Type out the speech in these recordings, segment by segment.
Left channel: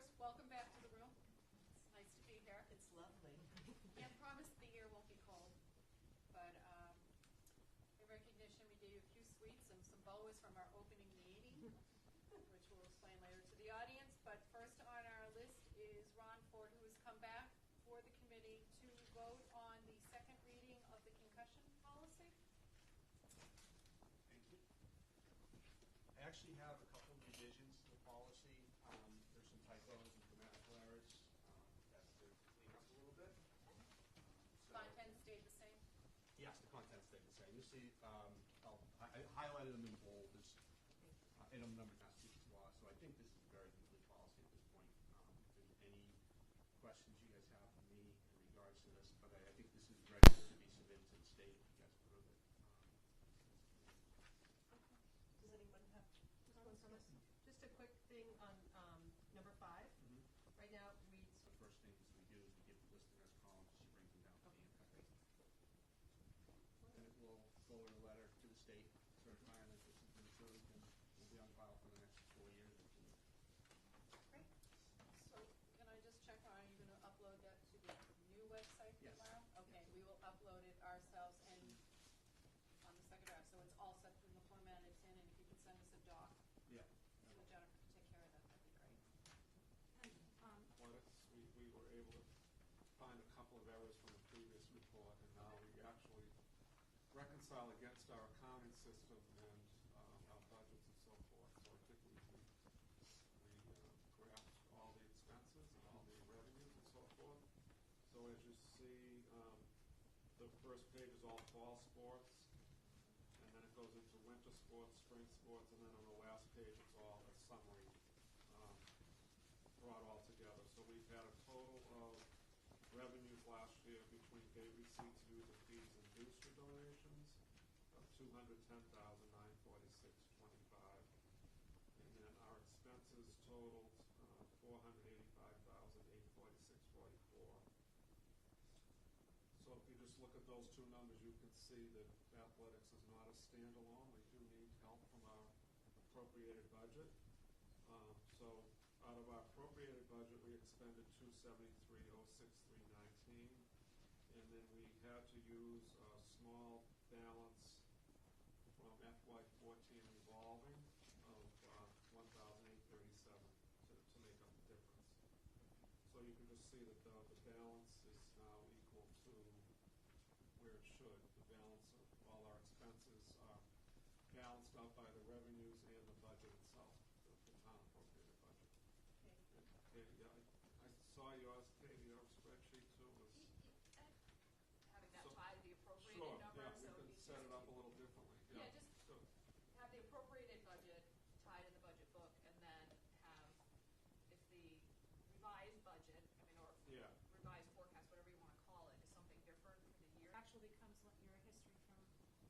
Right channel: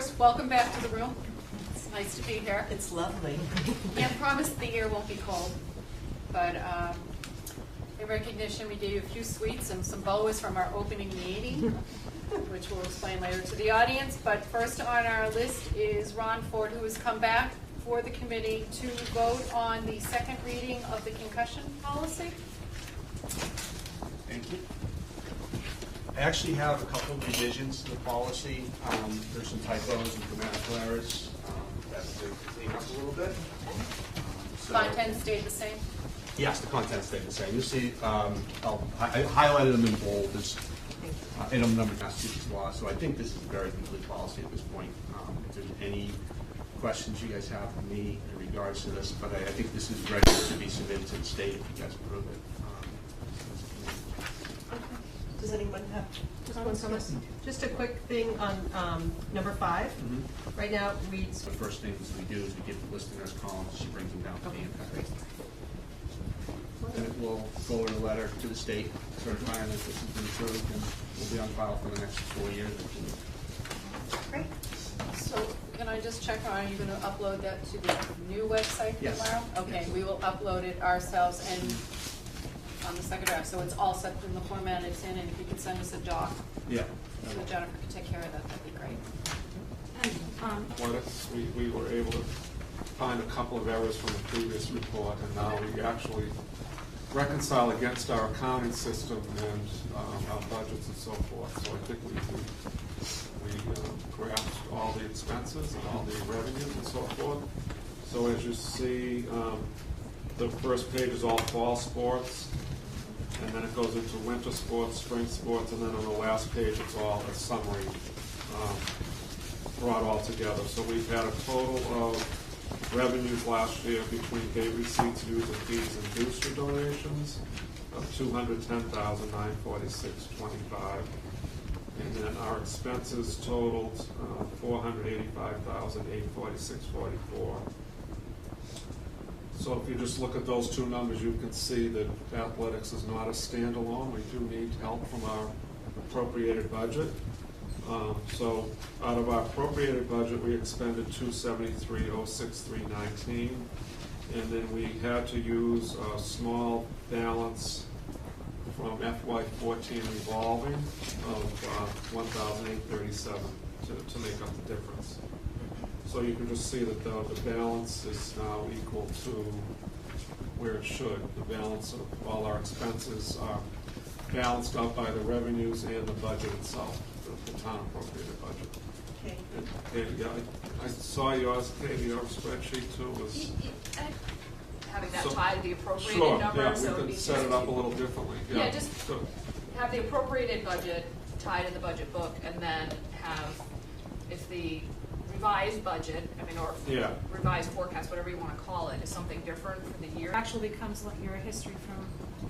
first, welcome back to the room. It's nice to be here. It's lovely. Can't promise the year won't be cold, but in recognition, we gave you a few sweets and some boas from our opening meeting, which we'll explain later to the audience. But first on our list is Ron Ford, who has come back for the committee to vote on the second reading of the concussion policy. Thank you. I actually have a couple of revisions to the policy. There's some typos and grammatical errors that to clean up a little bit. Content stayed the same? Yes, the content stayed the same. You'll see, I highlighted them in bold. There's item number Massachusetts law, so I think this is a very complete policy at this point. If there's any questions you guys have for me in regards to this, but I think this is ready to be submitted to the state if you guys approve it. Does anyone have comments? Just a quick thing on number 5. Right now it reads. The first things we do is we get the listeners columns, she brings them down to the impact. And it will forward a letter to the state certifying that this has been approved and will be on file for the next 4 years. Great. So can I just check, are you going to upload that to the new website tomorrow? Yes. Okay, Yes. we will upload it ourselves and on the second draft, so it's all set in the format it's in, and if you could send us a doc, Yeah. so Jennifer can take care of that, that'd be great. We were able to find a couple of errors from the previous report, and now we actually reconcile against our accounting system and our budgets and so forth. So I think we grasped all the expenses and all the revenues and so forth. So as you see, the first page is all fall sports, and then it goes into winter sports, spring sports, and then on the last page it's all a summary brought all together. So we've had a total of revenues last year between gate receipts, user fees, and booster donations of $210,946.25, and then our expenses totaled $485,846.44. So if you just look at those two numbers, you can see that athletics is not a standalone. We do need help from our appropriated budget. So out of our appropriated budget, we expended $273,063.19, and then we had to use a small balance from FY14 revolving of $1,837 to make up the difference. So you can just see that the balance is now equal to where it should. The balance of all our expenses are balanced out by the revenues and the budget itself, the town appropriated budget. Okay. And Katie, yeah, I saw yours, Katie, your spreadsheet too was. Having that So- tied to the appropriated Sure, number, yeah, so we it'd be could set it up a little differently. Yeah, just Good. have the appropriated budget tied in the budget book, and then have, if the revised budget, or Yeah. revised forecast, whatever you want to call it, is something different for the year. Actually becomes like your history from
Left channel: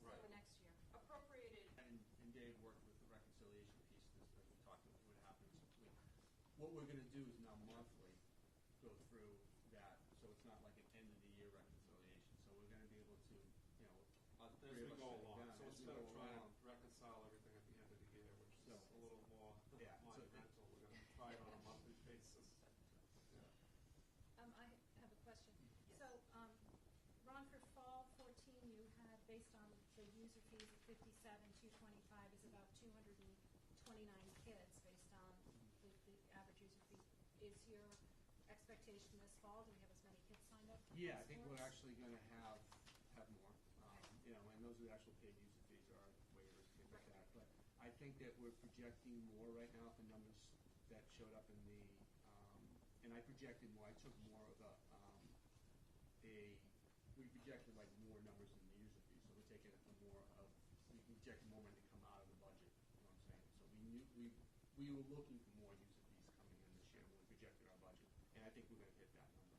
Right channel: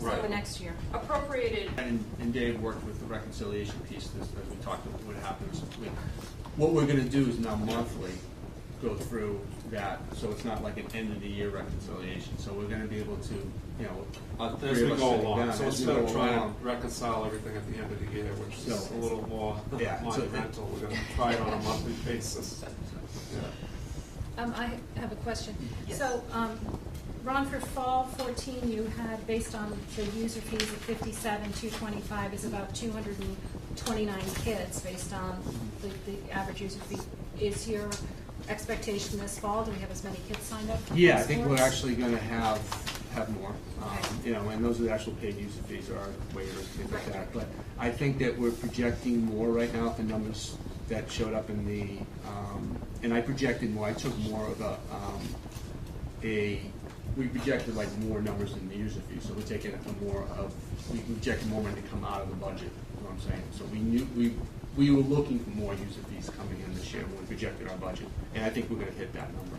Right. the next year. Appropriated, And Dave worked with the reconciliation piece as we talked about what happens. What we're gonna do is now monthly go through that, so it's not like an end of the year reconciliation. So we're gonna be able to, As three we of us go sitting along, down, so as we instead of go trying along. to reconcile everything at the end of the year, which is So- a little more Yeah, so- monumental, we're gonna try it on a monthly basis. Yeah. I have a question. Yes. So, Ron, for fall 14, you had, based on the user fees of 57,225 is about 229 kids based on the average user fee. Is your expectation this fall, do we have as many kids signed up for Yeah, I fall think we're sports? actually gonna have more. Okay. And those are the actual paid user fees or our waivers, things like Right. that. But I think that we're projecting more right now, the numbers that showed up in the, and I projected more, I took more of we projected like more numbers in the user fees, so we're taking we projected more money to come out of the budget, you know what I'm saying? So we knew, we were looking for more user fees coming in this year when we projected our budget, and I think we're gonna hit that number.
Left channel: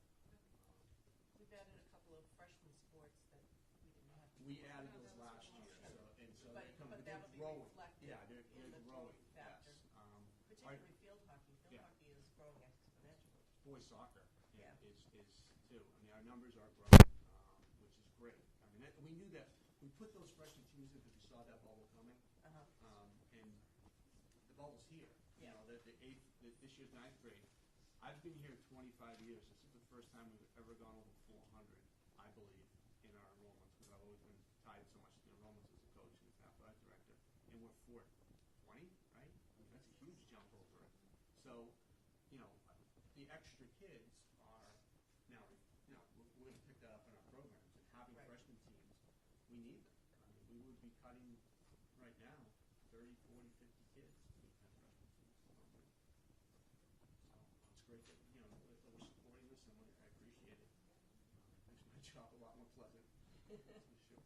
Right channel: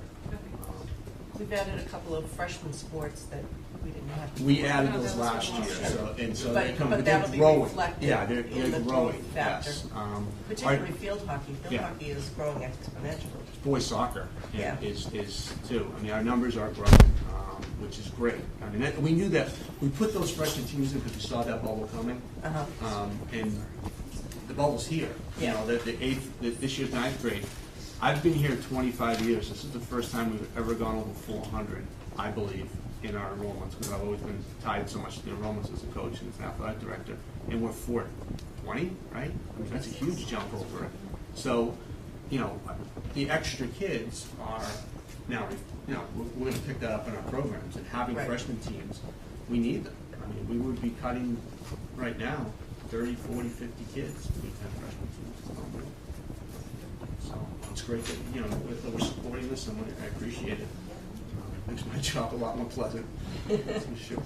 We've added a couple of freshman sports that we didn't have. We added No, those that was last from year, last so But- they come, but but they're that'll be growing. reflected Yeah, they're in the growing, growth factor. yes. Particularly field hockey. Field Yeah. hockey is growing exponentially. Boys soccer Yeah. is too. I mean, our numbers are growing, which is great. I mean, we knew that, we put those freshman teams in because we saw that bubble coming. Uh-huh. And the bubble's here. You Yeah. know, this year's ninth grade, I've been here 25 years. This is the first time we've ever gone over 400, I believe, in our enrollments, because I've always been tied so much to the enrollments as a coach and as an athletic director. And we're 420, right? I mean, that's a huge jump over it. So, you know, the extra kids are now, you know, we're going to pick that up in our programs, and having Right. freshman teams, we need them. I mean, we would be cutting right now 30, 40, 50 kids if we have freshman teams. So it's great that, you know, that we're supporting this, and I appreciate it. Makes my job a lot more pleasant, that's for sure.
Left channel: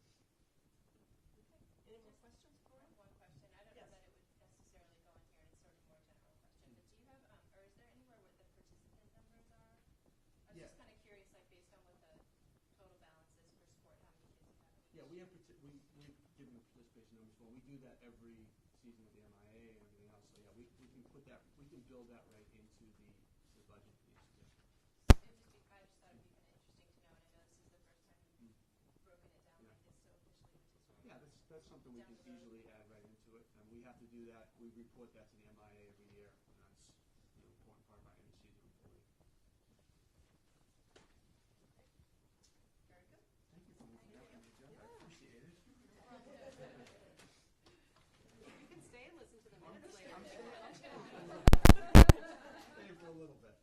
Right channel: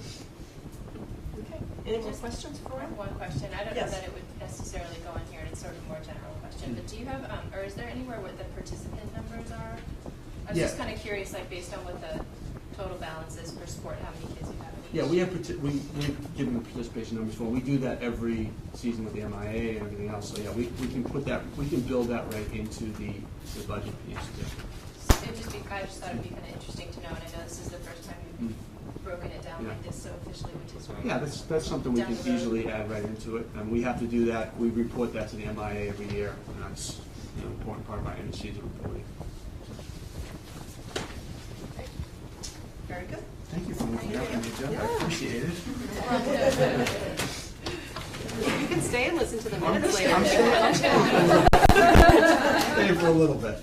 Okay, any more questions for I him? have one question. I don't know Yes. that it would necessarily go in here, and it's sort of a more general question, but do you have, or is there anywhere what the participant numbers are? I was just Yeah. kind of curious, like, based on what the total balance is per sport, how many kids you have in each? Yeah, we've given the participation numbers for, we do that every season with the MIA and everything else, so yeah, we can put that, we can build that right into the budget piece, yeah. I just thought it'd be kind of interesting to know, and I know this is the first time you've broken it down Yeah. like this so officially, which is great. Yeah, that's something we Down can the road. easily add right into it, and we have to do that, we report that to the MIA every year, and that's, you know, an important part of our end of season reporting. Very good. Thank you for looking out for me, Jeff, I Yeah. appreciate it. You can stay and listen to the minutes later. I'm sure. Stay for a little bit.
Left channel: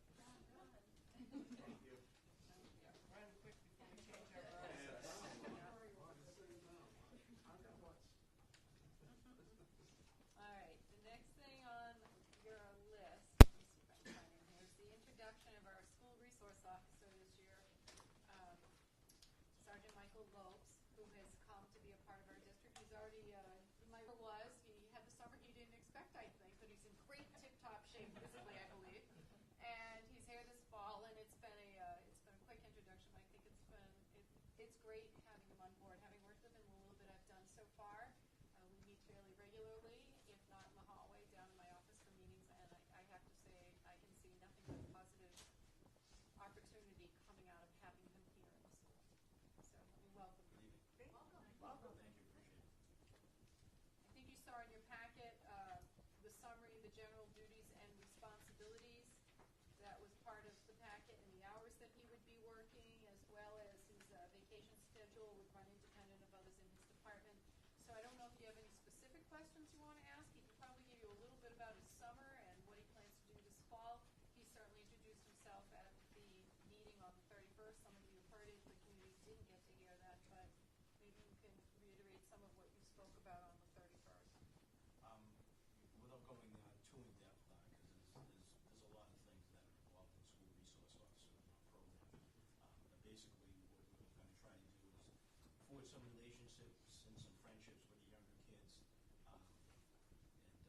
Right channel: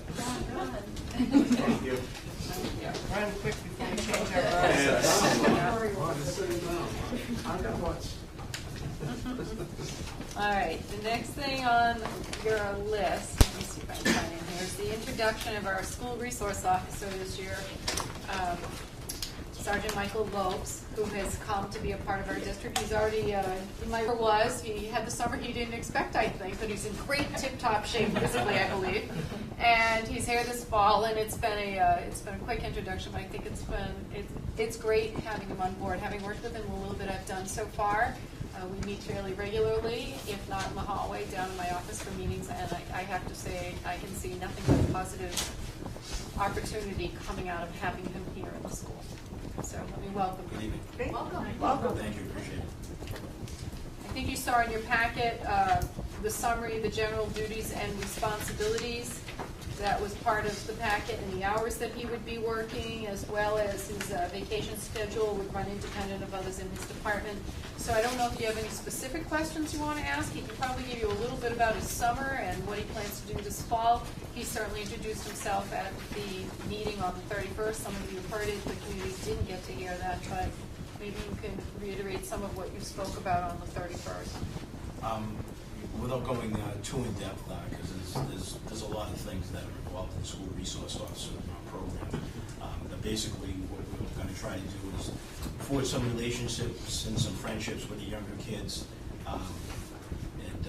Thank you. Run quick before we change our All right, the next thing on your list, let me see if I can find it here, is the introduction of our school resource officer this year, Sergeant Michael Lopes, who has come to be a part of our district. He's already, he had the summer he didn't expect, I think, but he's in great tip-top shape physically, I believe. And he's here this fall, and it's been a quick introduction, but I think it's great having him on board. Having worked with him a little bit I've done so far, we meet fairly regularly, if not in the hallway, down in my office for meetings, and I have to say, I can see nothing but positive opportunity coming out of having him here in the school. So let me welcome Good him. evening. Great. Welcome. Welcome. Thank you, appreciate it. I think you saw in your packet the summary, the general duties and responsibilities. That was part of the packet, and the hours that he would be working, as well as his vacation schedule would run independent of others in his department. So I don't know if you have any specific questions you want to ask. He can probably give you a little bit about his summer and what he plans to do this fall. He certainly introduced himself at the meeting on the 31st. Some of you heard it, the community didn't get to hear that, but maybe you can reiterate some of what you spoke about on the 31st. Without going too in depth, because there's a lot of things that are involved in the school resource officer program. But basically, what we're going to try to do is forge some relationships and some friendships with the younger kids, and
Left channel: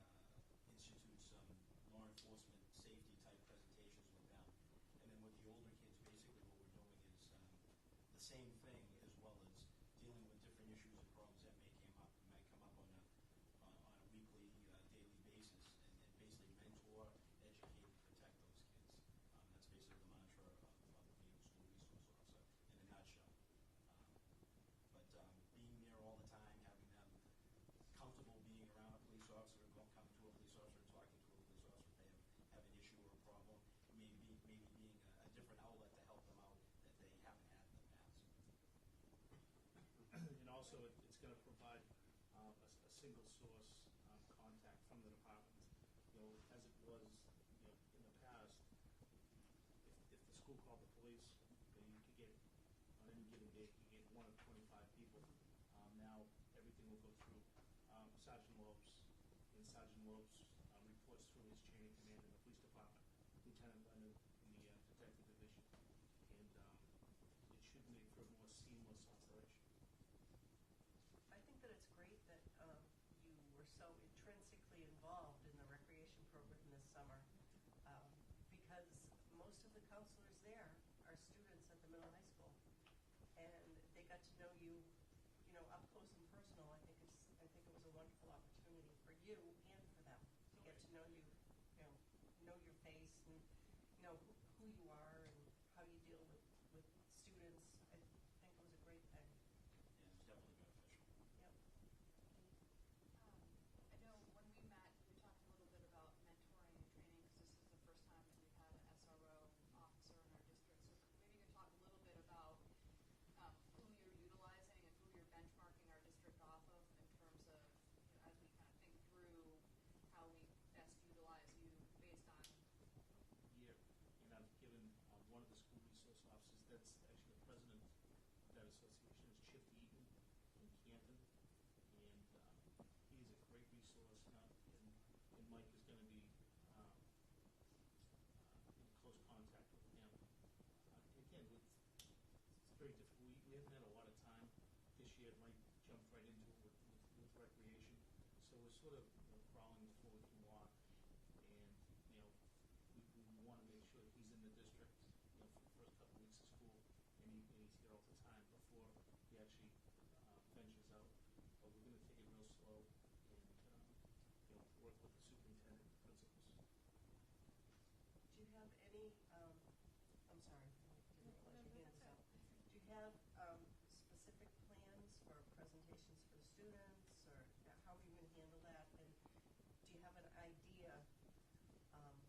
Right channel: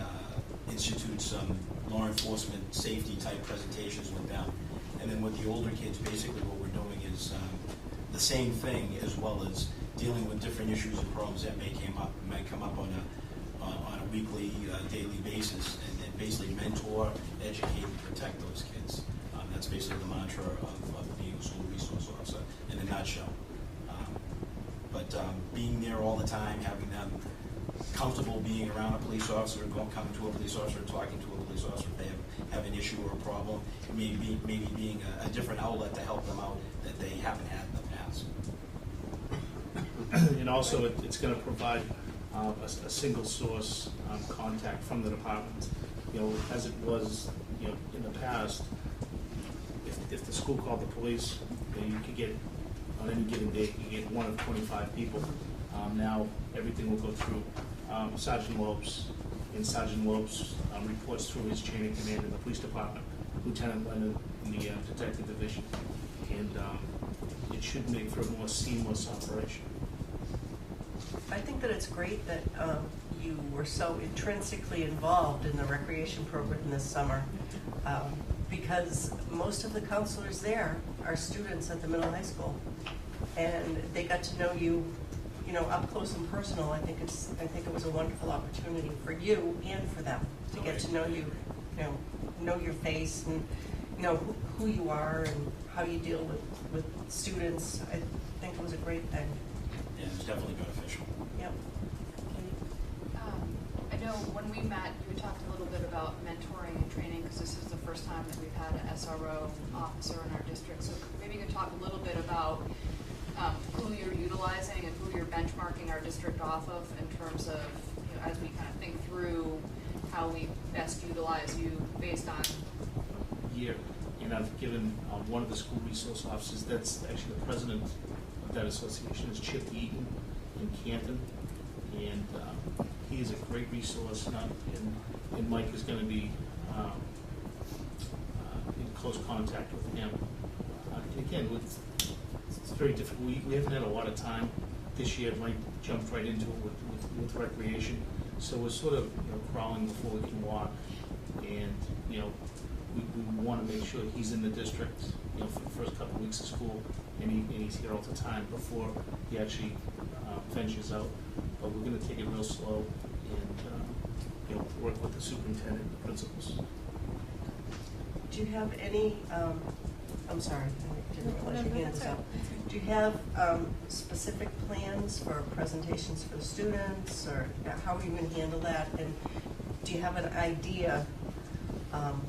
institute some law enforcement safety type presentations with them. And then with the older kids, basically what we're doing is the same thing, as well as dealing with different issues and problems that might come up on a weekly, daily basis, and then basically mentor, educate, and protect those kids. That's basically the mantra of being a school resource officer in a nutshell. But being there all the time, having them comfortable being around a police officer, coming to a police officer, talking to a police officer if they have an issue or a problem, and maybe being a different outlet to help them out that they haven't had in the past. And also, it's going to provide a single source contact from the department. You know, as it was, you know, in the past, if the school called the police, you could get, on any given day, you get one of 25 people. Now, everything will go through Sergeant Lopes, and Sergeant Lopes reports through his chain of command in the police department, Lieutenant Leonard in the detective division. And it should make for a more seamless operation. I think that it's great that you were so intrinsically involved in the recreation program this summer, because most of the counselors there are students at the middle high school, and they got to know you, you know, up close and personal. I think it was a wonderful opportunity for you and for them to get to know you, know your face, and know who you are and how you deal with students. I think it was a great thing. And it's definitely beneficial. Yep. I know when we met, we talked a little bit about mentoring and training, because this is the first time that we've had an SRO district off of in terms of, as we kind of think through how we best utilize you based on? Year, and I've given one of the school resource officers, that's actually the president of that association, is Chip Eaton in Canton, and he is a great resource, and Mike is going to be in close contact with him. And again, it's very difficult. We haven't had a lot of time this year. Mike jumped right into it with recreation, so we're sort of crawling before we can walk, and we want to make sure he's in the district for the first couple of weeks of school, and he's here all the time before he actually ventures out. But we're going to take it real slow and work with the superintendent and the principals. Do you have any, I'm sorry, I didn't realize your hand was up. Do you have specific plans for presentations for the students, or how are you going to handle that? And do you have an idea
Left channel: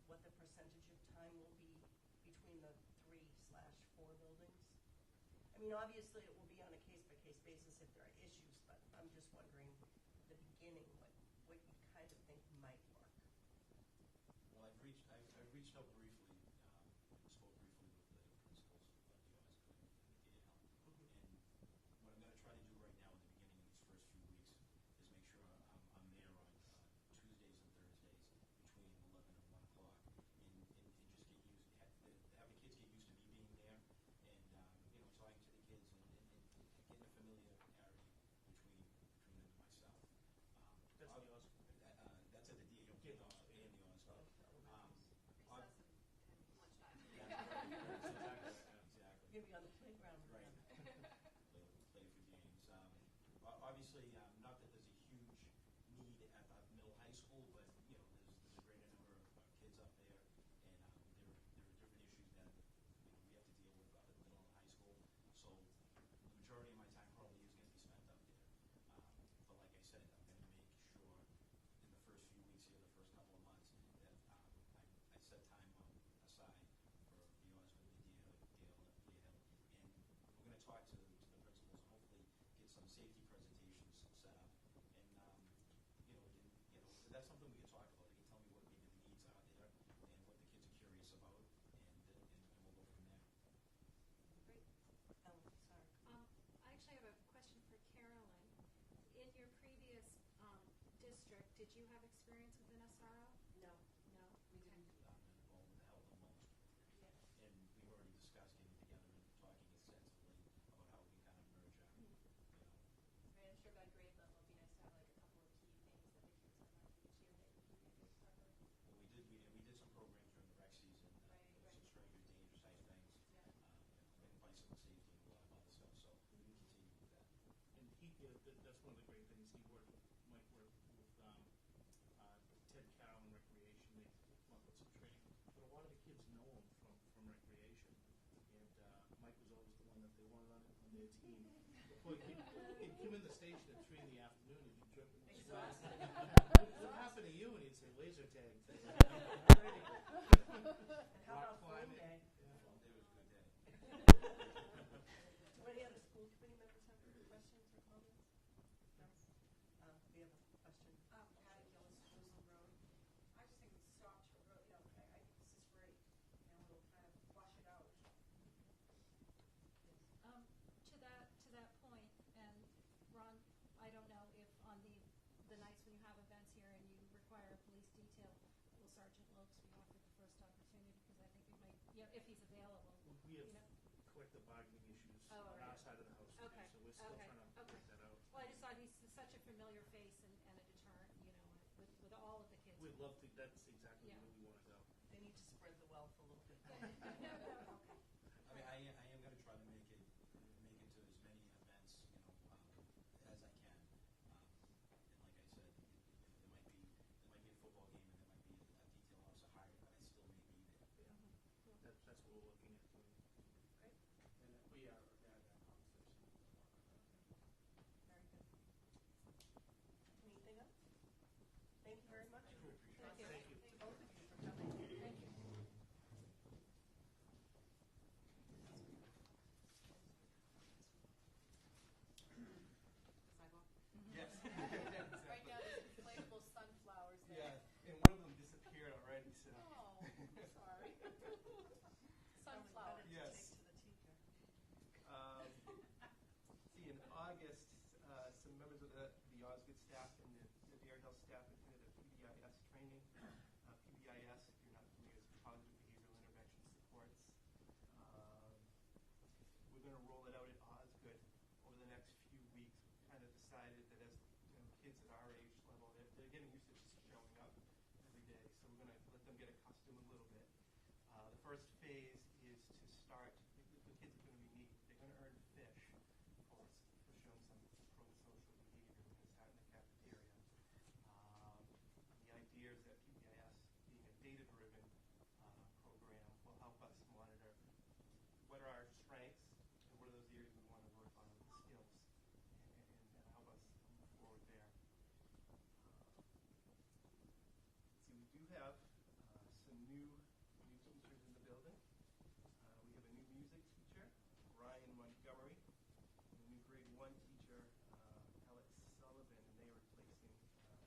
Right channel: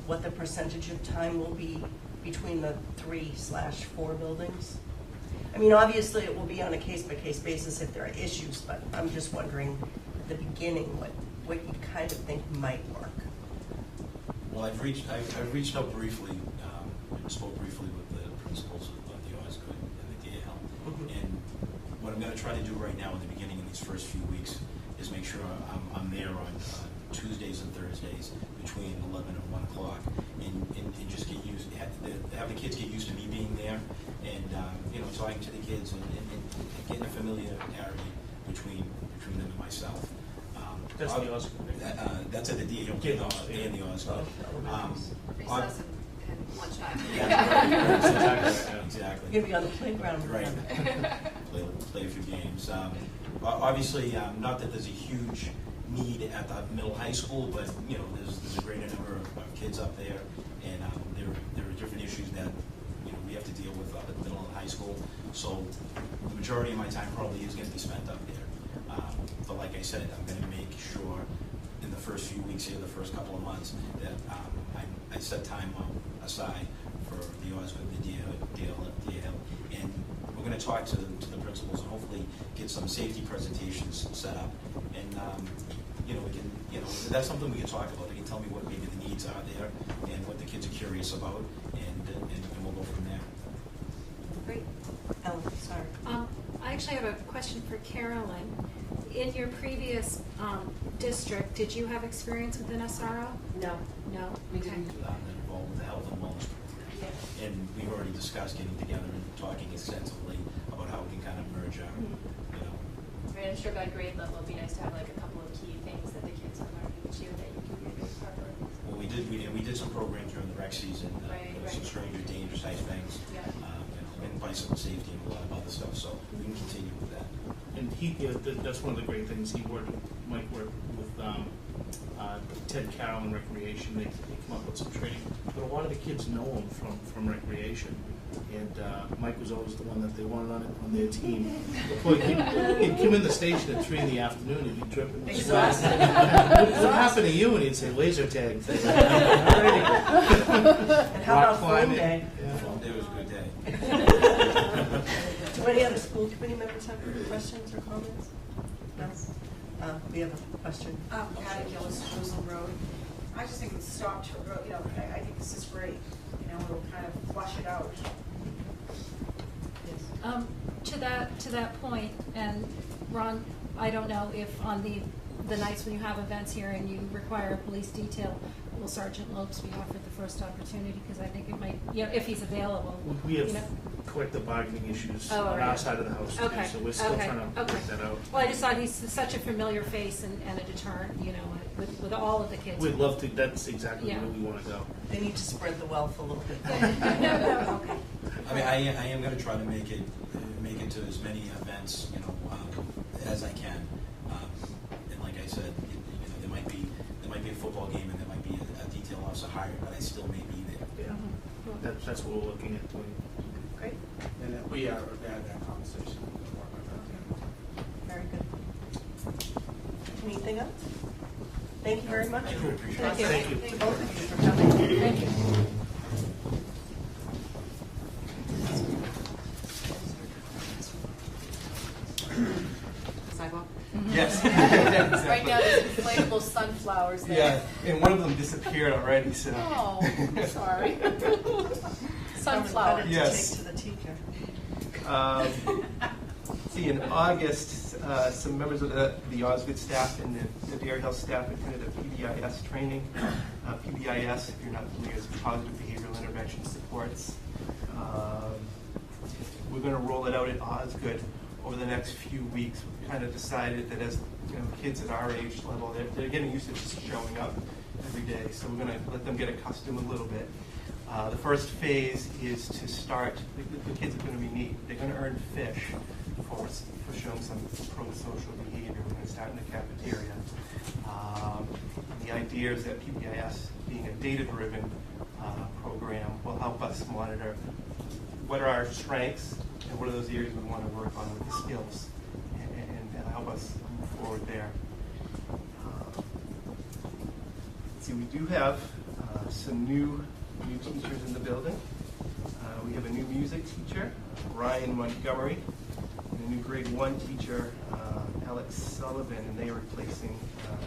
what the percentage of time will be between the 3/4 buildings? I mean, obviously it will be on a case-by-case basis if there are issues, but I'm just wondering at the beginning what you kind of think might work. Well, I've reached out briefly, spoke briefly with the principals of the Osgood and the DAL. And what I'm going to try to do right now in the beginning of these first few weeks is make sure I'm there on Tuesdays and Thursdays between 11 and 1 o'clock, and just get used, have the kids get used to me being there, and talking to the kids and getting a familiarity between them and myself. That's the Osgood. That's at the DAL and the Osgood. Recess and lunchtime. Yeah. Exactly. You're going to be on the playground. Right. play a few games. Obviously, not that there's a huge need at the middle high school, but there's a greater number of kids up there, and there are different issues that we have to deal with up at the middle and high school. So the majority of my time probably is going to be spent up there. But like I said, I'm going to make sure in the first few weeks here, the first couple of months, that I set time aside for the Osgood, the DL, and we're going to talk to the principals and hopefully get some safety presentations set up, and we can, that's something we can talk about. They can tell me what maybe the needs are there and what the kids are curious about, and we'll go from there. Great. Ellen, sorry. I actually have a question for Carolyn. In your previous district, did you have experience with an SRO? No. No? We Okay. didn't. I'm involved with the health and wellness program, and we've already discussed getting together and talking extensively about how we can kind of merge our, I'm sure by grade level, it'd be nice to have like a couple of key things that the kids are learning each year that you can be a big part of. Well, we did some programs during the rec season, Right. some stranger danger type things, Yeah. And bicycle safety and a lot of other stuff. So we can continue with that. And that's one of the great things. Mike worked with Ted Carroll in recreation. They come up with some training, but a lot of the kids know him from recreation. And Mike was always the one that they wanted on their team. Before he'd come in the station at 3 in the afternoon, he'd be dripping with sweat. What happened to you? And he'd say, laser tag. And how about phone day? Phone day was a good day. Do any other school committee members have any questions or comments? No? We have a question. Patty Gillis, Jerusalem Road. I just think it's stopped, I think this is great. It'll kind of flush it out. Yes. To that point, and Ron, I don't know if on the nights when you have events here and you require a police detail, will Sergeant Lopes be offered the first opportunity? Because I think it might, if he's available. We have collective bargaining issues Oh, on right. our side of the house, too, Okay. so we're still Okay. trying to work that out. Well, I just thought he's such a familiar face and a deterrent, with all of the kids. We'd love to. That's exactly Yeah. where we want to go. They need to spread the wealth a little bit. No, okay. I mean, I am going to try to make it to as many events, as I can. And like I said, there might be a football game and there might be a detail officer hired, but I still may be there. Yeah, that's what we're looking at doing. Great. And we had that conversation. Very good. Anything else? Thank you very much. I do appreciate it. Thank you. Thank you. To both of you for coming. Thank you. Sidewalk? sunflowers Yeah, there. and one of them disappeared already, so. Oh, sorry. Sunflowers. Credit to Yes. take to the teacher. See, in August, some members of the Osgood staff and the Dairy Hill staff attended a PBIS training. PBIS, if you're not familiar, is Positive Behavioral Intervention Supports. We're going to roll it out at Osgood over the next few weeks. We kind of decided that as kids at our age level, they're getting used to just showing up every day, so we're going to let them get accustomed a little bit. The first phase is to start, the kids are going to be neat. They're going to earn fish for showing some pro-social behavior. We're going to start in the cafeteria. The idea is that PBIS, being a data-driven program, will help us monitor what are our strengths and what are those areas we want to work on with the skills, and help us move forward there. See, we do have some new teachers in the building. We have a new music teacher, Ryan Montgomery, and a new grade 1 teacher, Alex Sullivan, and they are replacing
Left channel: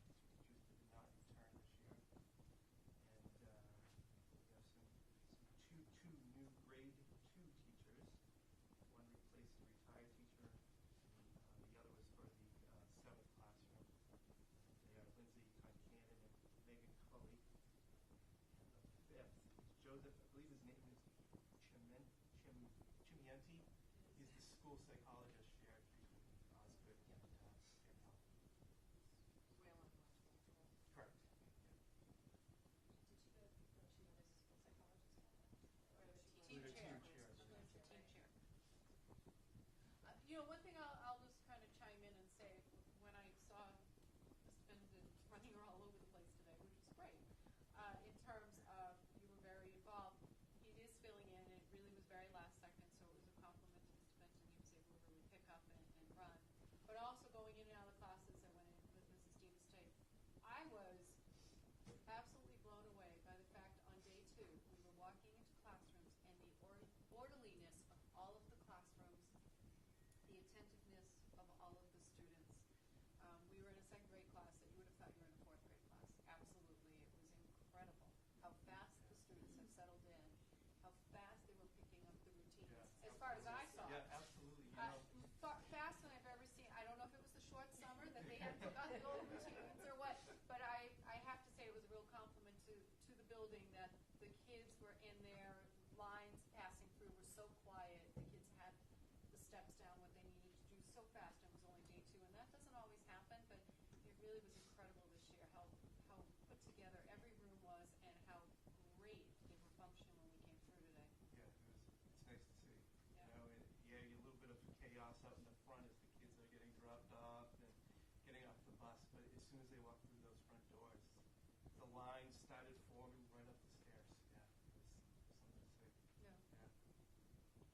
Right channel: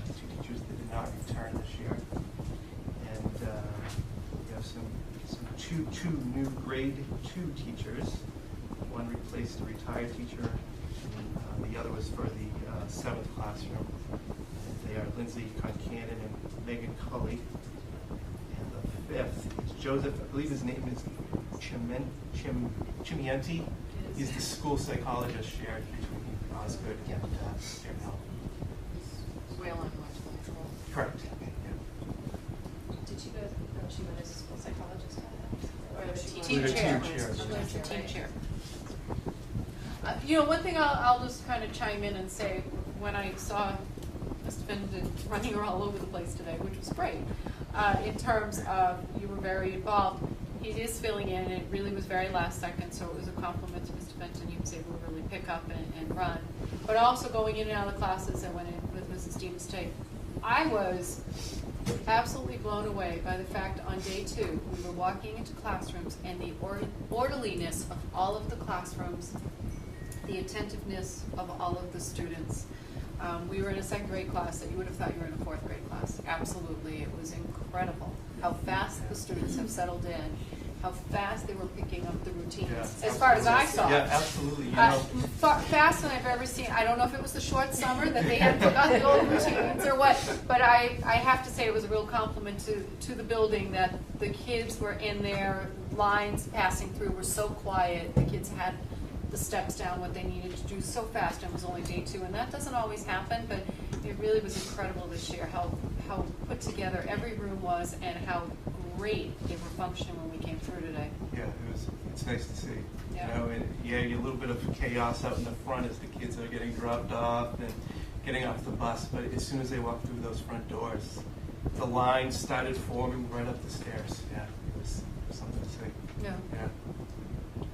2 teachers that did not return this year. And we have two new grade 2 teachers. One replaced a retired teacher, and the other was for the 7th classroom. They are Lindsay Concanon and Megan Cully. And the 5th is Joseph, I believe his name is Chimienti. He's the school psychologist shared between Osgood and Dairy Hill. Whalen went to the school. Correct. Did she go, she went as a school psychologist? Or the Team We're the chair. team chairs. She's the team chair. One thing I'll just kind of chime in and say, when I saw Mr. Findon running all over the place today, which was great, in terms of you were very involved, he is filling in, and it really was very last second, so it was a compliment to Mr. Fenton. He was able to really pick up and run. But also going in and out of the classes, I went in with Mrs. Demas Tate. I was absolutely blown away by the fact on day 2, we were walking into classrooms and the orderliness of all of the classrooms, the attentiveness of all of the students. We were in a 2nd grade class that you would have thought you were in a 4th grade class. Absolutely, it was incredible how fast the students have settled in, how fast they were picking up the routines, Yeah, as far as I saw. Yeah, absolutely. Faster than I've ever seen. I don't know if it was the short summer that they had forgot the old routines or what, but I have to say it was a real compliment to the building that the kids were in their lines passing through were so quiet. The kids had the steps down, what they needed to do so fast, and it was only day 2, and that doesn't always happen, but it really was incredible this year how put together every room was and how great they were functioning when we came through today. Yeah, it's nice to see. Yeah. A little bit of chaos out in the front as the kids are getting dropped off and getting off the bus, but as soon as they walked through those front doors, the lines started forming right up the stairs. Yeah, it was something to see. Yeah. Yeah,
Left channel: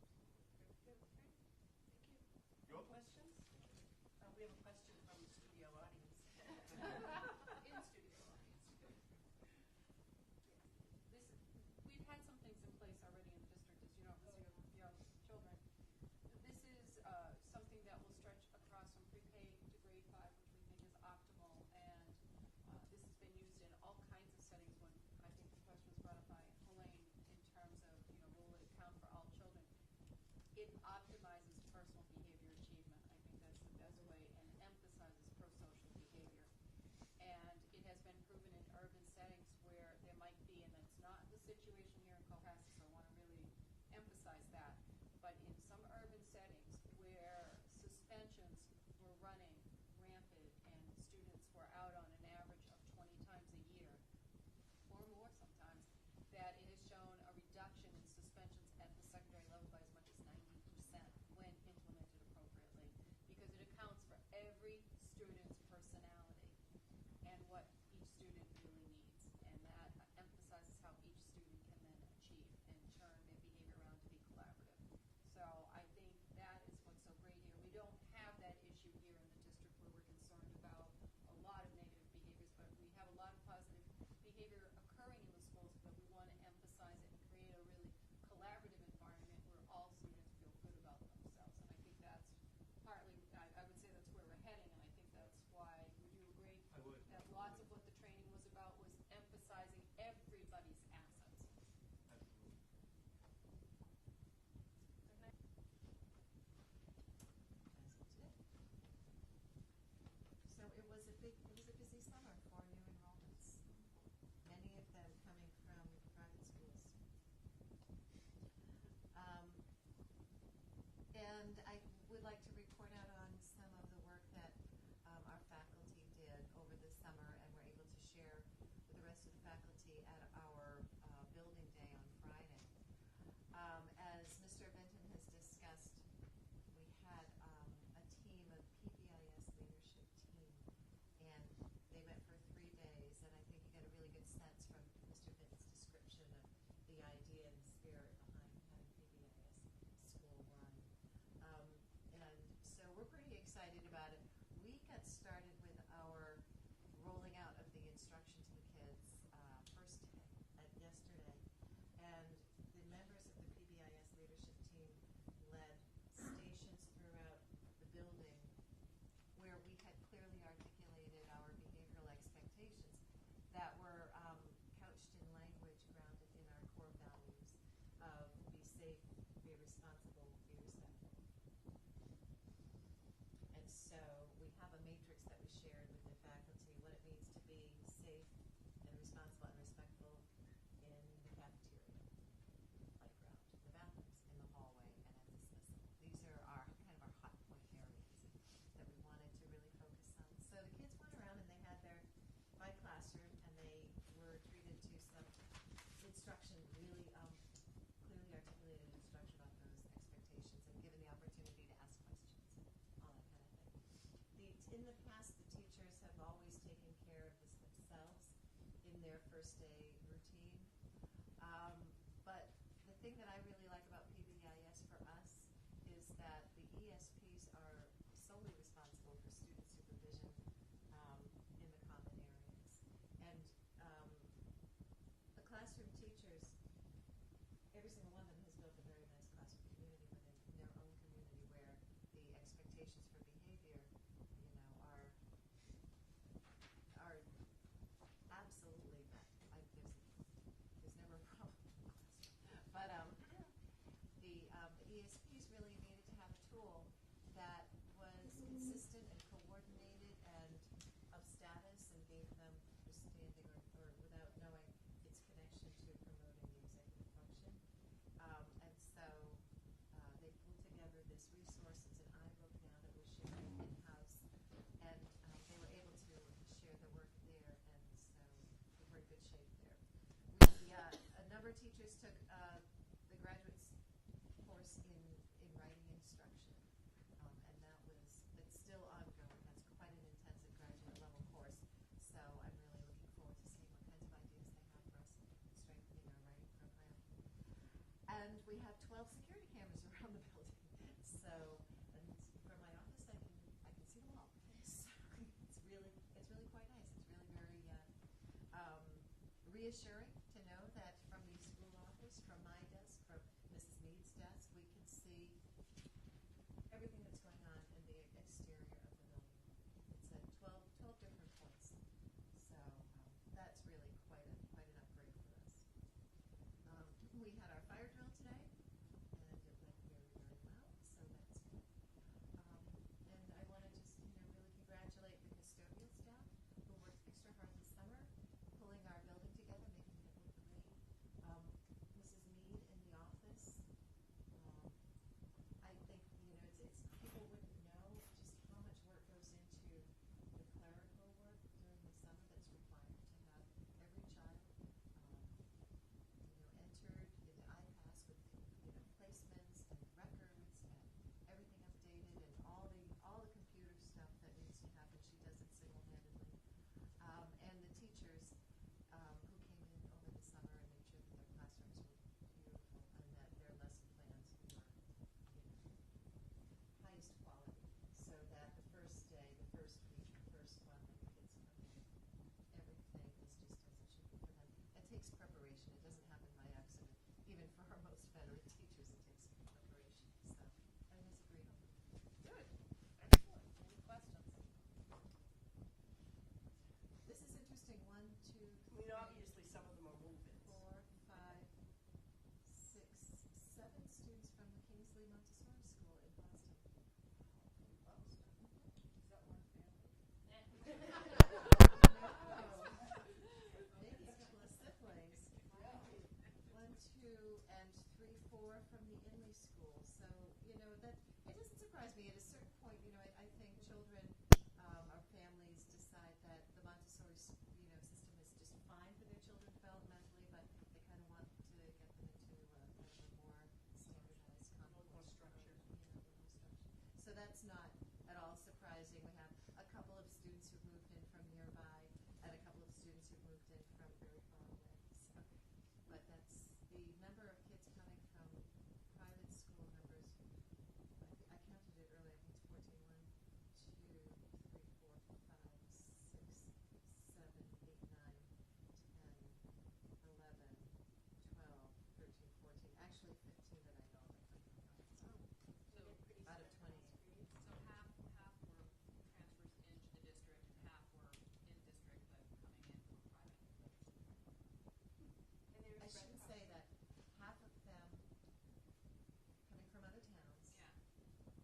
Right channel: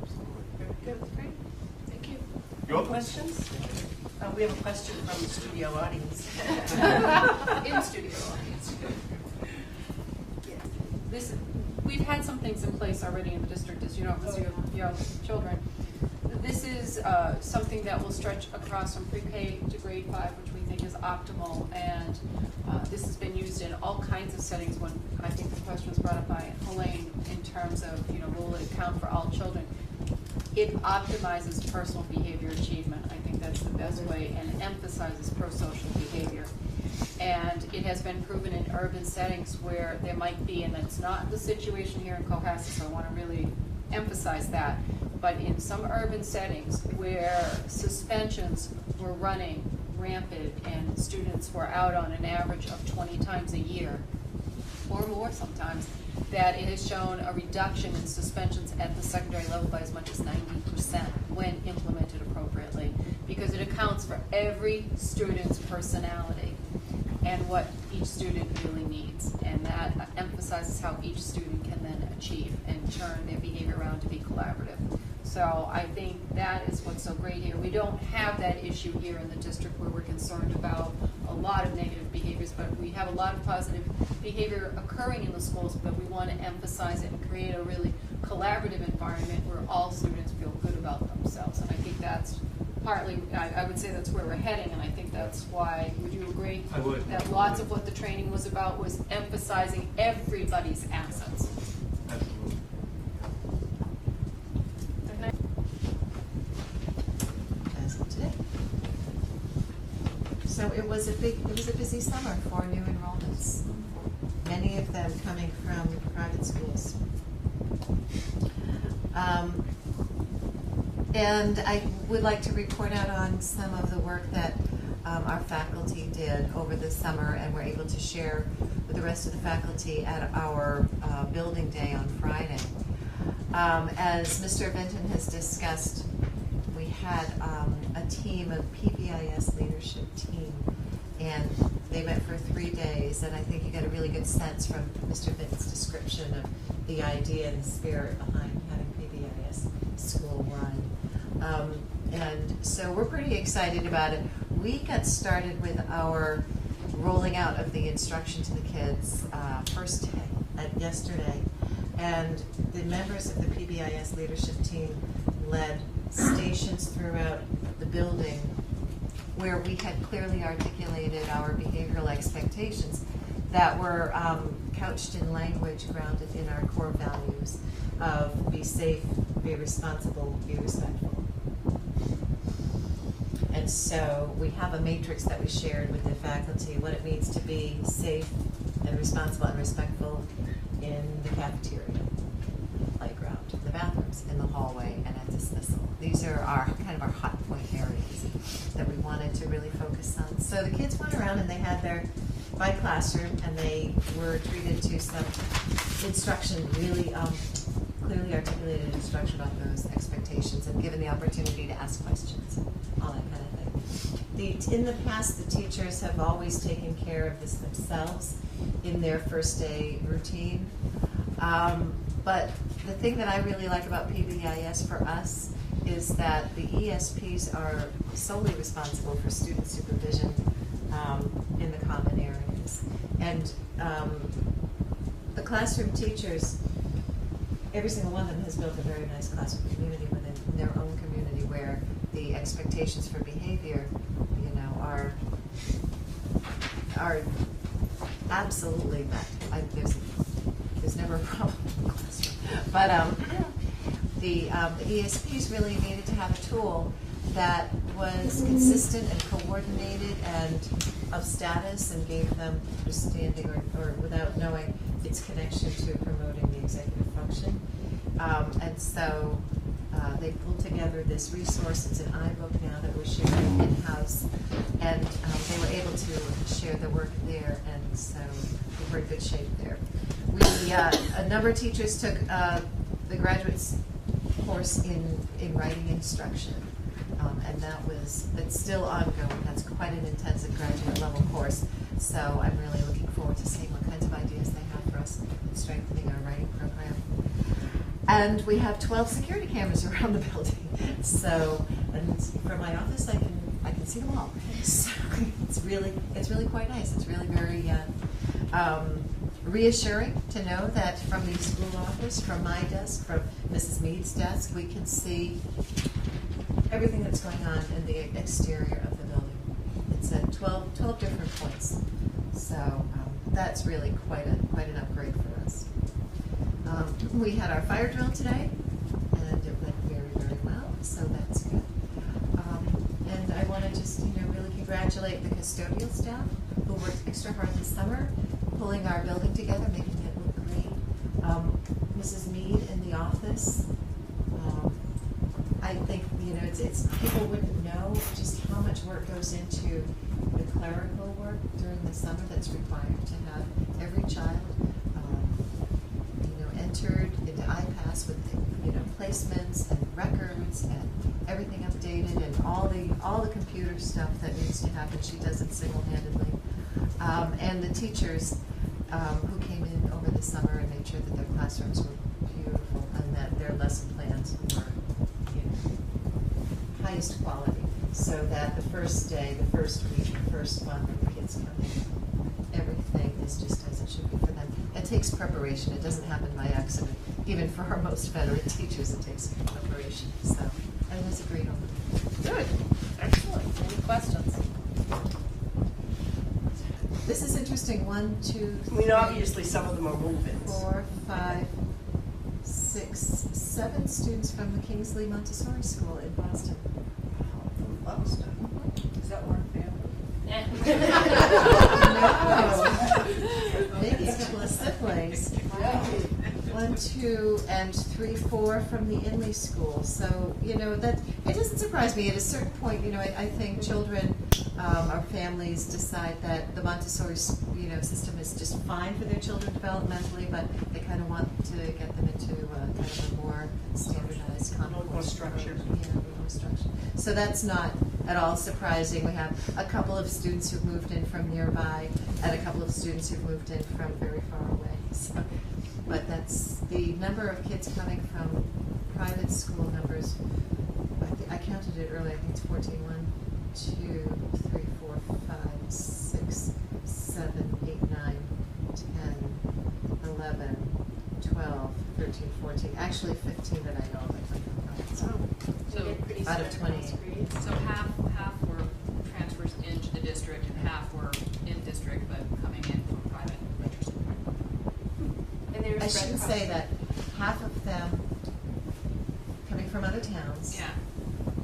absolutely. Very good. Great. Thank you. You're welcome. Questions? We have a question from the studio audience. In studio audience. We've had some things in place already in the district, as you know, with your children. This is something that will stretch across from pre-K to grade 5, which we think is optimal, and this has been used in all kinds of settings. When I think the question was brought up by Helene in terms of, will it count for all children? It optimizes personal behavior achievement. I think that's the best way, and emphasizes pro-social behavior. And it has been proven in urban settings where there might be, and it's not the situation here in Cohasset, so I want to really emphasize that, but in some urban settings where suspensions were running rampant and students were out on an average of 20 times a year, or more sometimes, that it has shown a reduction in suspensions at the secondary level by as much as 90% when implemented appropriately, because it accounts for every student's personality and what each student really needs, and that emphasizes how each student can then achieve and turn their behavior around to be collaborative. So I think that is what's so great here. We don't have that issue here in the district where we're concerned about a lot of negative behaviors, but we have a lot of positive behavior occurring in the schools, but we want to emphasize it and create a really collaborative environment where all students feel good about themselves. And I think that's partly, I would say that's where we're heading, and I think that's why, would you agree? I would. That lots of what the training was about was emphasizing everybody's assets. Absolutely. As of today. So it was a busy summer for new enrollments, many of them coming from private schools. And I would like to report out on some of the work that our faculty did over the summer and were able to share with the rest of the faculty at our building day on Friday. As Mr. Vinton has discussed, we had a team, a PBIS leadership team, and they met for 3 days, and I think you got a really good sense from Mr. Vinton's description of the idea and the spirit behind having PBIS school run. And so we're pretty excited about it. We got started with our rolling out of the instruction to the kids first day, yesterday, and the members of the PBIS leadership team led stations throughout the building where we had clearly articulated our behavioral expectations that were couched in language grounded in our core values of be safe, be responsible, be respectful. And so we have a matrix that we shared with the faculty, what it means to be safe and responsible and respectful in the cafeteria, playground, the bathrooms, in the hallway, and at dismissal. These are our kind of our hot point areas that we wanted to really focus on. So the kids went around and they had their by classroom, and they were treated to some instruction, really clearly articulated instruction about those expectations, and given the opportunity to ask questions, all that kind of thing. In the past, the teachers have always taken care of this themselves in their first day routine. But the thing that I really like about PBIS for us is that the ESPs are solely responsible for student supervision in the common areas. And the classroom teachers, every single one of them has built a very nice classroom community within their own community where the expectations for behavior, you know, are absolutely met. There's never a problem in the classroom. But the ESPs really needed to have a tool that was consistent and coordinated and of status and gave them understanding or without knowing its connection to promoting the executive function. And so they pulled together this resource. It's an iBook now that we're sharing in-house, and they were able to share the work there, and so we're in good shape there. A number of teachers took the graduates course in writing instruction, and it's still ongoing. That's quite an intensive graduate level course, so I'm really looking forward to seeing what kinds of ideas they have for us in strengthening our writing program. And we have 12 security cameras around the building, so, and from my office I can see them all. So it's really quite nice. It's really very reassuring to know that from the school office, from my desk, from Mrs. Mead's desk, we can see everything that's going on in the exterior of the building. It's at 12 different points. So that's really quite an upgrade for us. We had our fire drill today, and it went very, very well, so that's good. And I want to just, really congratulate the custodial staff who worked extra hard this summer, pulling our building together, making it look great. Mrs. Mead in the office. I think, it's people wouldn't know just how much work goes into the clerical work during the summer that's required to have every child, entered into iPass with, placements and records and everything updated and all the computer stuff that needs to happen. She does it single-handedly. And the teachers who came in over the summer and made sure that their classrooms were beautiful and that their lesson plans were highest quality, so that the first day, the first week, the first month when the kids come in, everything is just as it should be for them. It takes preparation. It doesn't happen by accident. even for our most veteran teachers, it takes preparation, so I was agreed on. Good, excellent. Any questions? This is interesting, 1, 2, I mean, obviously, some of them are move-ins. 4, 5, 6, 7 students from the Kingsley Montessori School in Boston. Boston. Is that one family? No. Maybe a couple of siblings. 1, 2, and 3, 4 from the Inley School. So, you know, that, it doesn't surprise me. At a certain point, you know, I think children, or families decide that the Montessori, you know, system is just fine for their children developmentally, but they kind of want to get them into kind of a more standardized, More structured. Yeah, a little more structured. So that's not at all surprising. We have a couple of students who've moved in from nearby, and a couple of students who've moved in from very far away. So, but that's the number of kids coming from private school numbers. I counted it earlier. I think it's 14. 1, 2, 3, 4, 5, 6, 7, 8, 9, 10, 11, 12, 13, 14. Actually, 15 that I know of that come from private school. So, Out of 20. so half were transfers into the district and half were in district but coming in from private. And they were I spread should across- say that half of them coming from other towns. Yeah.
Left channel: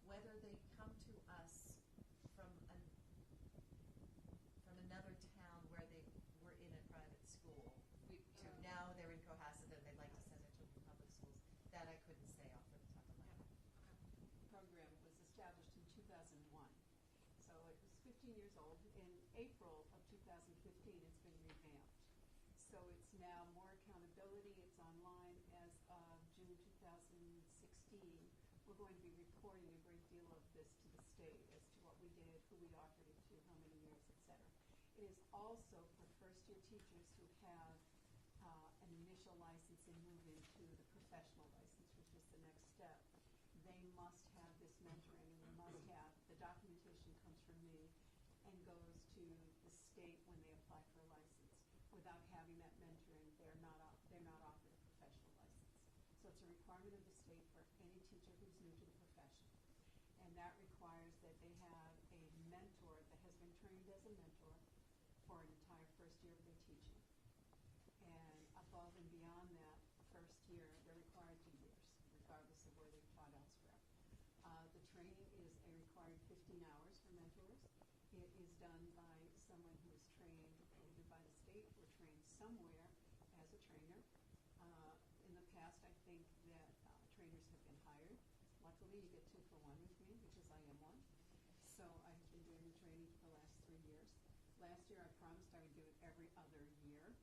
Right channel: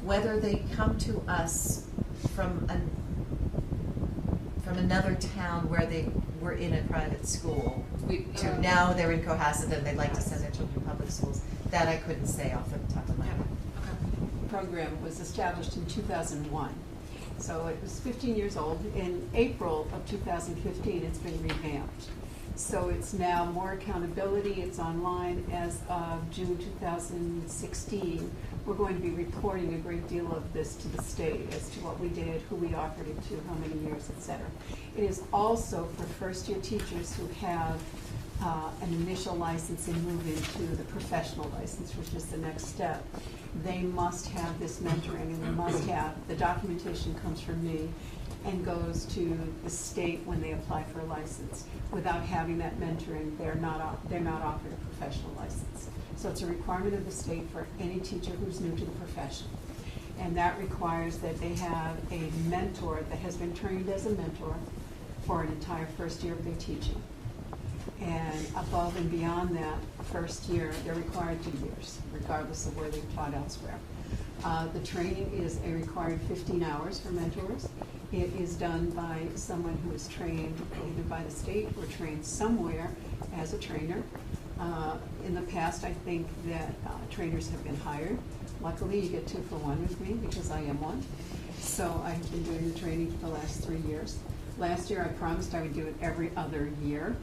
Whether they come to us from another town where they were in a private school, to now they're in Cohasset and they'd like to send their children to public schools, that I couldn't say off the top of my head. Program was established in 2001. So it was 15 years old. In April of 2015, it's been revamped. So it's now more accountability, it's online. As of June 2016, we're going to be reporting a great deal of this to the state as to what we did, who we offered it to, how many years, et cetera. It is also for first-year teachers who have an initial license and move into the professional license, which is the next step. They must have this mentoring, and they must have, the documentation comes from me and goes to the state when they apply for a license. Without having that mentoring, they're not offered a professional license. So it's a requirement of the state for any teacher who's new to the profession. And that requires that they have a mentor that has been trained as a mentor for an entire first year of their teaching. And above and beyond that first year, they're required 2 years, regardless of where they've taught elsewhere. The training is a required 15 hours for mentors. It is done by someone who is trained either by the state or trained somewhere as a trainer. In the past, I think that trainers have been hired. Luckily, you get 2 for 1 with me because I am one. So I've been doing the training for the last 3 years. Last year, I promised I would do it every other year.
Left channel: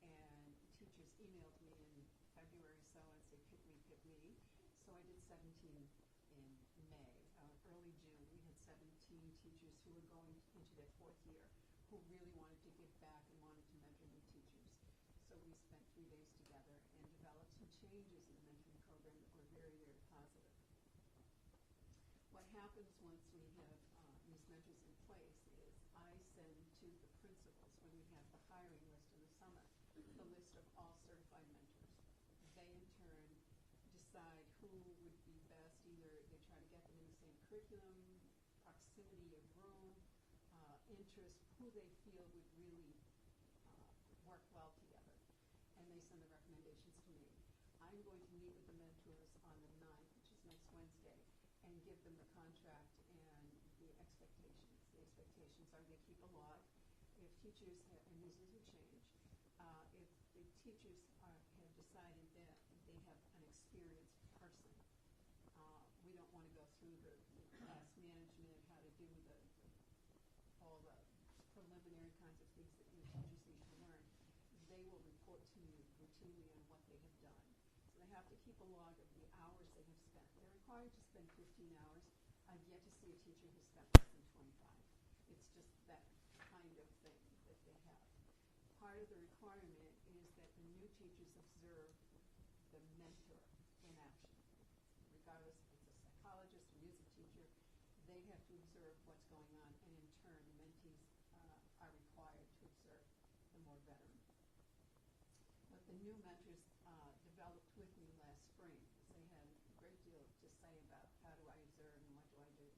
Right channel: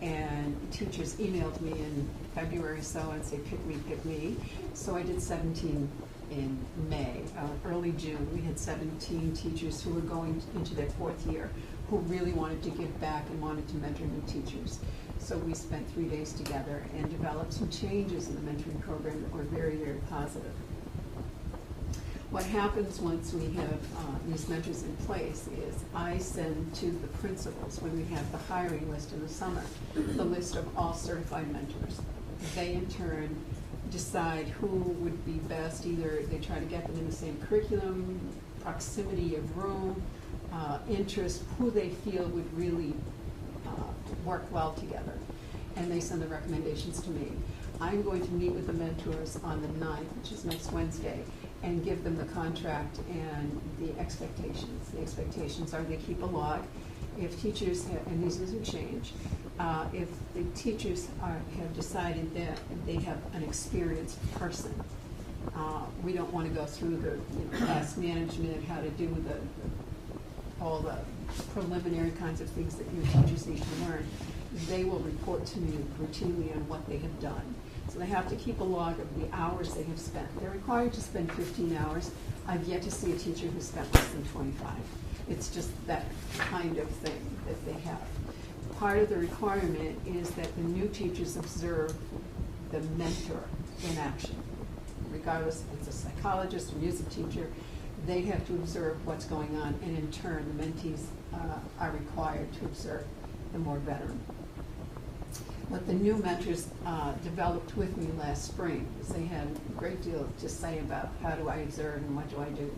And teachers emailed me in February so and say, pick me. So I did 17 in May. Early June, we had 17 teachers who were going into their 4th year who really wanted to give back and wanted to mentor new teachers. So we spent 3 days together and developed some changes in the mentoring program that were very, very positive. What happens once we have these mentors in place is I send to the principals, when we have the hiring list in the summer, the list of all certified mentors. They in turn decide who would be best. Either they try to get them in the same curriculum, proximity of room, interest, who they feel would really work well together. And they send the recommendations to me. I'm going to meet with the mentors on the 9th, which is next Wednesday, and give them the contract and the expectations. The expectations are they keep a log. If teachers have, and these doesn't change, if the teachers have decided that they have an experienced person, we don't want to go through the class management, how to do all the preliminary kinds of things that new teachers need to learn. They will report to me routinely on what they have done. So they have to keep a log of the hours they have spent. They're required to spend 15 hours. I've yet to see a teacher who spent less than 25. It's just that kind of thing that they have. Part of the requirement is that the new teachers observe the mentor in action. Regardless if it's a psychologist or music teacher, they have to observe what's going on, and in turn, the mentees are required to observe the more veteran. What the new mentors developed with me last spring is they had a great deal to say about how do I observe and what do I do.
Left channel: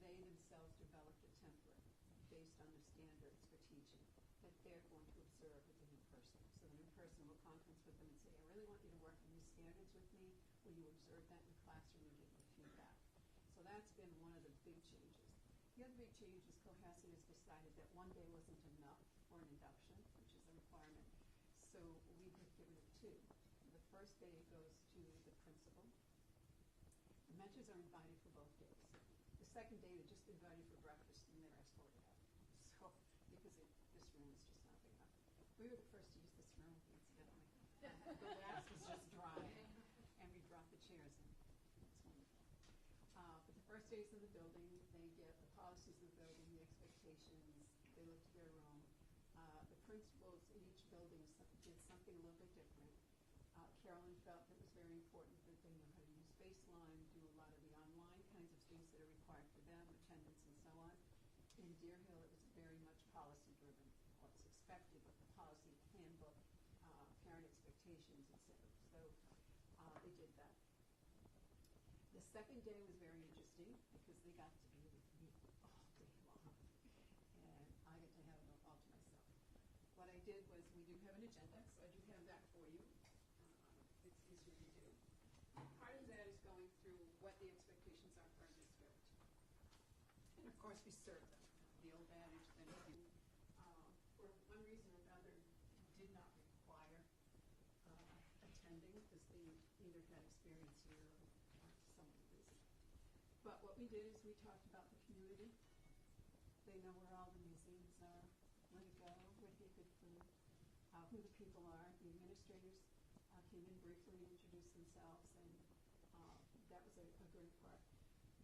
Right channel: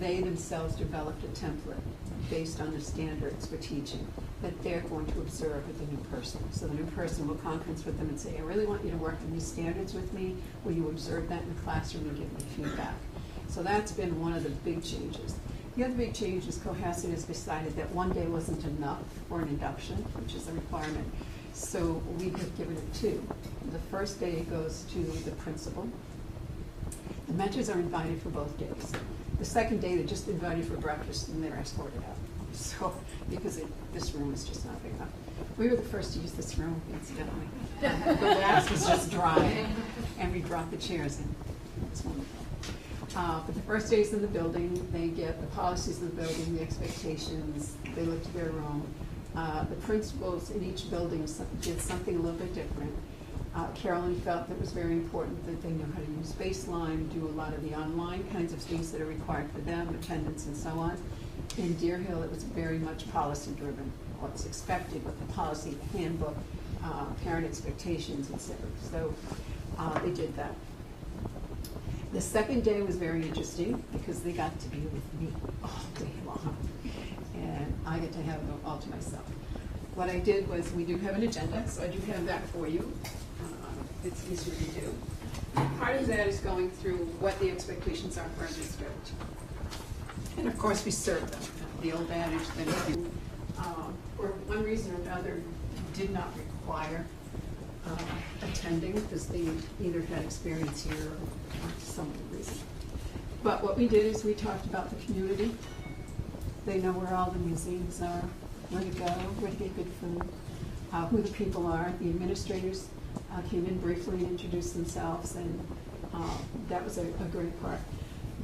They themselves developed a template based on the standards for teaching that they're going to observe with the new person. So the new person will conference with them and say, I really want you to work on these standards with me. Will you observe that in the classroom and give me feedback? So that's been one of the big changes. The other big change is Cohasset has decided that one day wasn't enough for an induction, which is a requirement. So we have given it two. The first day goes to the principal. The mentors are invited for both days. The second day, they're just invited for breakfast and they're escorted out. So, because this room is just not big enough. We were the first to use this room, incidentally. The grass was just dry, and we brought the chairs in. It's wonderful. But the first days in the building, they get the policies of the building, the expectations, they look to their room. The principals in each building did something a little bit different. Carolyn felt that it was very important that they know how to use Baseline, do a lot of the online kinds of things that are required for them, attendance and so on. In Deer Hill, it was very much policy driven, what's expected, what the policy, the handbook, parent expectations, etc. So they did that. The second day was very interesting because they got to be with me all day long. And I get to have them all to myself. What I did was, we do have an agenda, so I do have that for you. It's easier to do. Part of that is going through what the expectations are for our district. And of course, we serve them. The old adage that if you, for one reason or another, did not require attending because they either had experience here or for some other reason. But what we did is we talked about the community. They know where all the museums are, where to go, where to get good food, who the people are. The administrators came in briefly and introduced themselves, and that was a great part.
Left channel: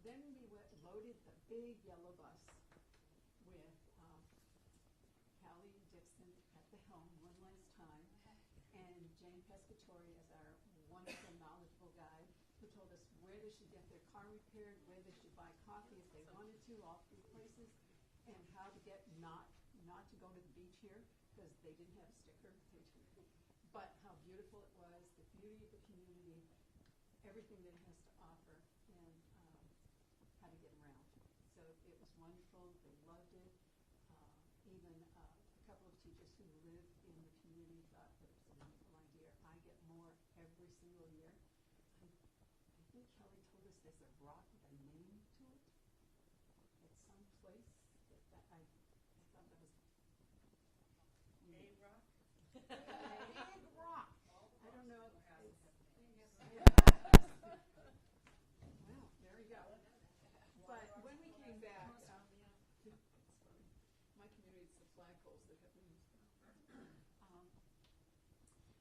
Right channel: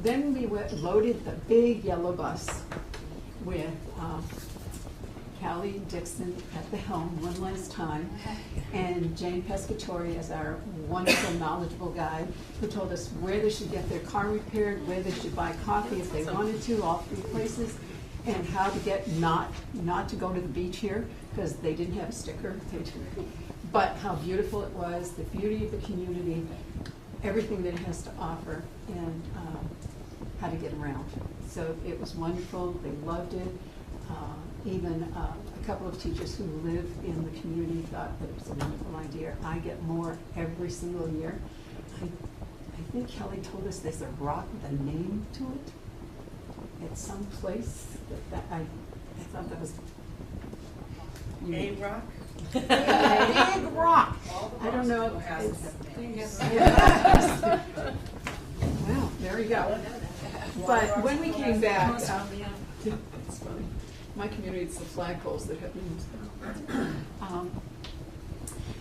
Then we loaded the big yellow bus with Callie Dixon at the helm one last time, and Jane Pescatori as our wonderful, knowledgeable guide, who told us where they should get their car repaired, where they should buy coffee if they wanted to, all three places, and how to get not to go to the beach here, because they didn't have a sticker. But how beautiful it was, the beauty of the community, everything that it has to offer, and how to get around. So it was wonderful. They loved it. Even a couple of teachers who live in the community thought that it was a wonderful idea. I get more every single year. I think Kelly told us there's a rock with a name to it at some place. I thought that was A rock? Big rock. I don't know. Well, there you go. But when we came back, it's funny. My community, it's the flagpoles that have names.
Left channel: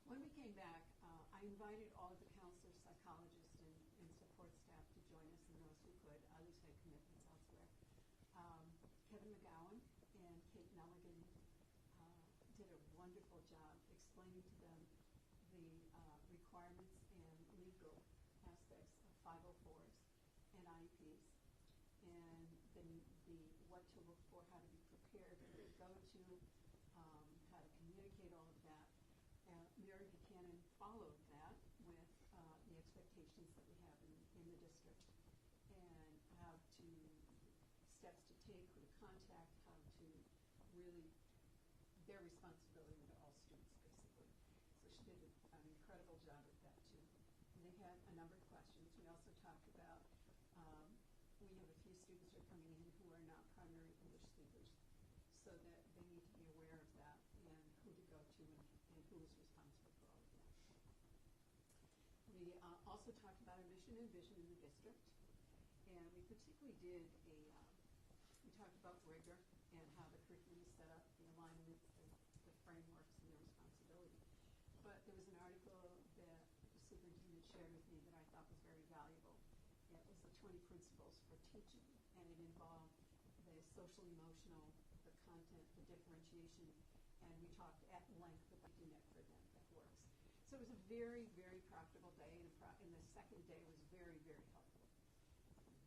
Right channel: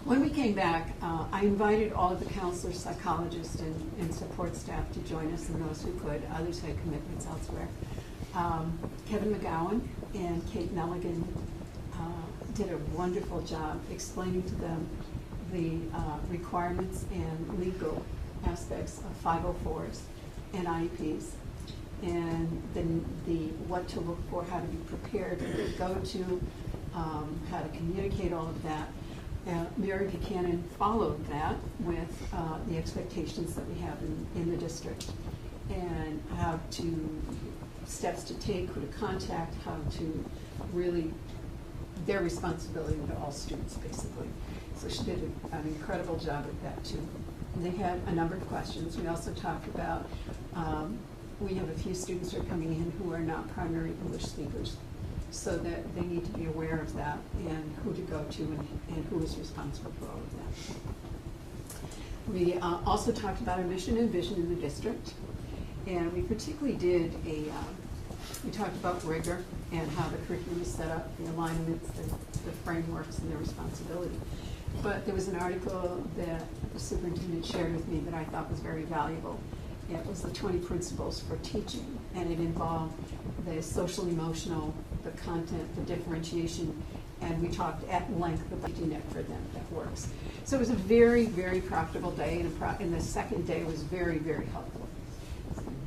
When we came back, I invited all of the counselors, psychologists, and support staff to join us, and those who could. Others had commitments elsewhere. Kevin McGowan and Kate Nelligan did a wonderful job explaining to them the requirements and legal aspects of 504s and IEPs, and then the what to look for, how to be prepared, who to go to, how to communicate all of that. Mary Buchanan followed that with the expectations that we have in the district, and how to, steps to take, who to contact, how to really, their responsibility to all students, basically. So she did an incredible job at that, too. And they had a number of questions. We also talked about, we have a few students who are coming in who are not primary English speakers, so that they need to be aware of that and who to go to and who is responsible for all of that. We also talked about our mission and vision in the district, and we particularly did we talked about rigor and how the curriculum is set up, the alignments, the frameworks, and their responsibility. But there was an article that the superintendent shared with me that I thought was very valuable. It was the 20 principles for teaching, and it involved the social emotional, the content, the differentiation, and we talked at length about the net for them that works. So it was a very, very profitable day, and the second day was very, very helpful.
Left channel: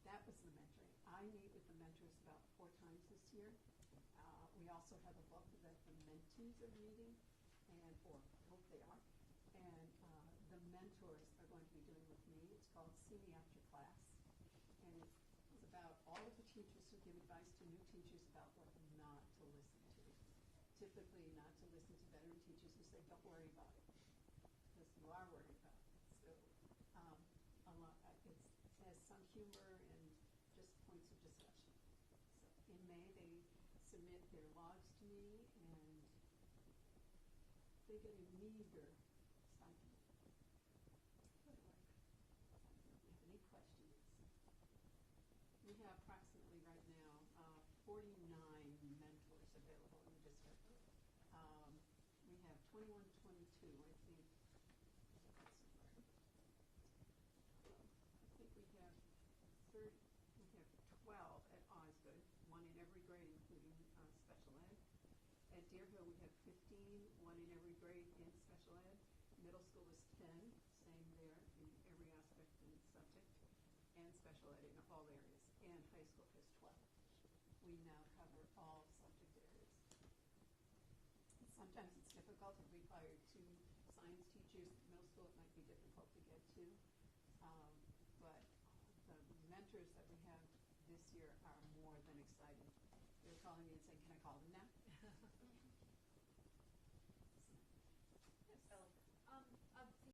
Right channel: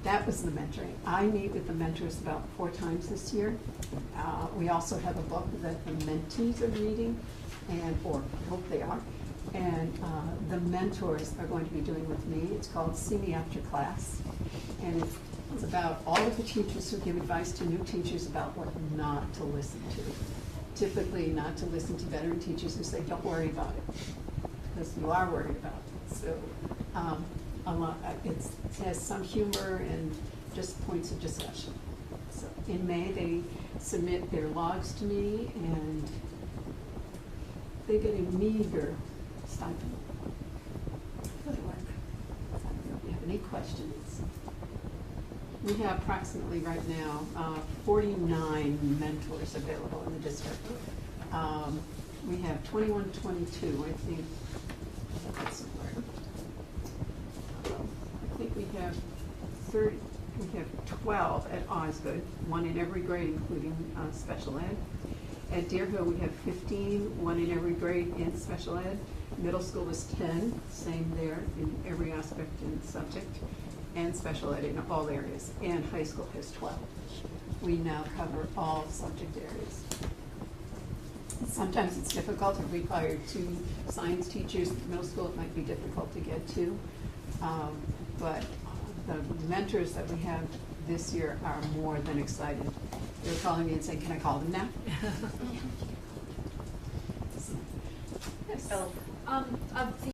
That was the mentoring. I meet with the mentors about 4 times this year. We also have a book that the mentees are reading, and, or I hope they are. And the mentors are going to be doing with me. It's called See Me After Class. And it's about all of the teachers who give advice to new teachers about what not to listen to. Typically not to listen to veteran teachers who say, don't worry about it, because you are worried about it. So it has some humor and just points of discussion. So in May, they submit their logs to me, and they get a meager stipend for the work. I don't know if you have any questions. We have approximately right now 49 mentors available in the district. We have 21, 22, I think. That's somewhere. I think we have 30. We have 12 at Osgood, one in every grade, including special ed. At Deer Hill, we have 15, one in every grade in special ed. Middle school is 10, same there in every aspect and subject, and special ed in all areas. And high school has 12. We now cover all subject areas. Sometimes it's difficult to require 2 science teachers. At middle school, it might be difficult to get to. But the mentors that we have this year are more than excited. They're calling me and saying, can I call them now? Yes. Oh. Of the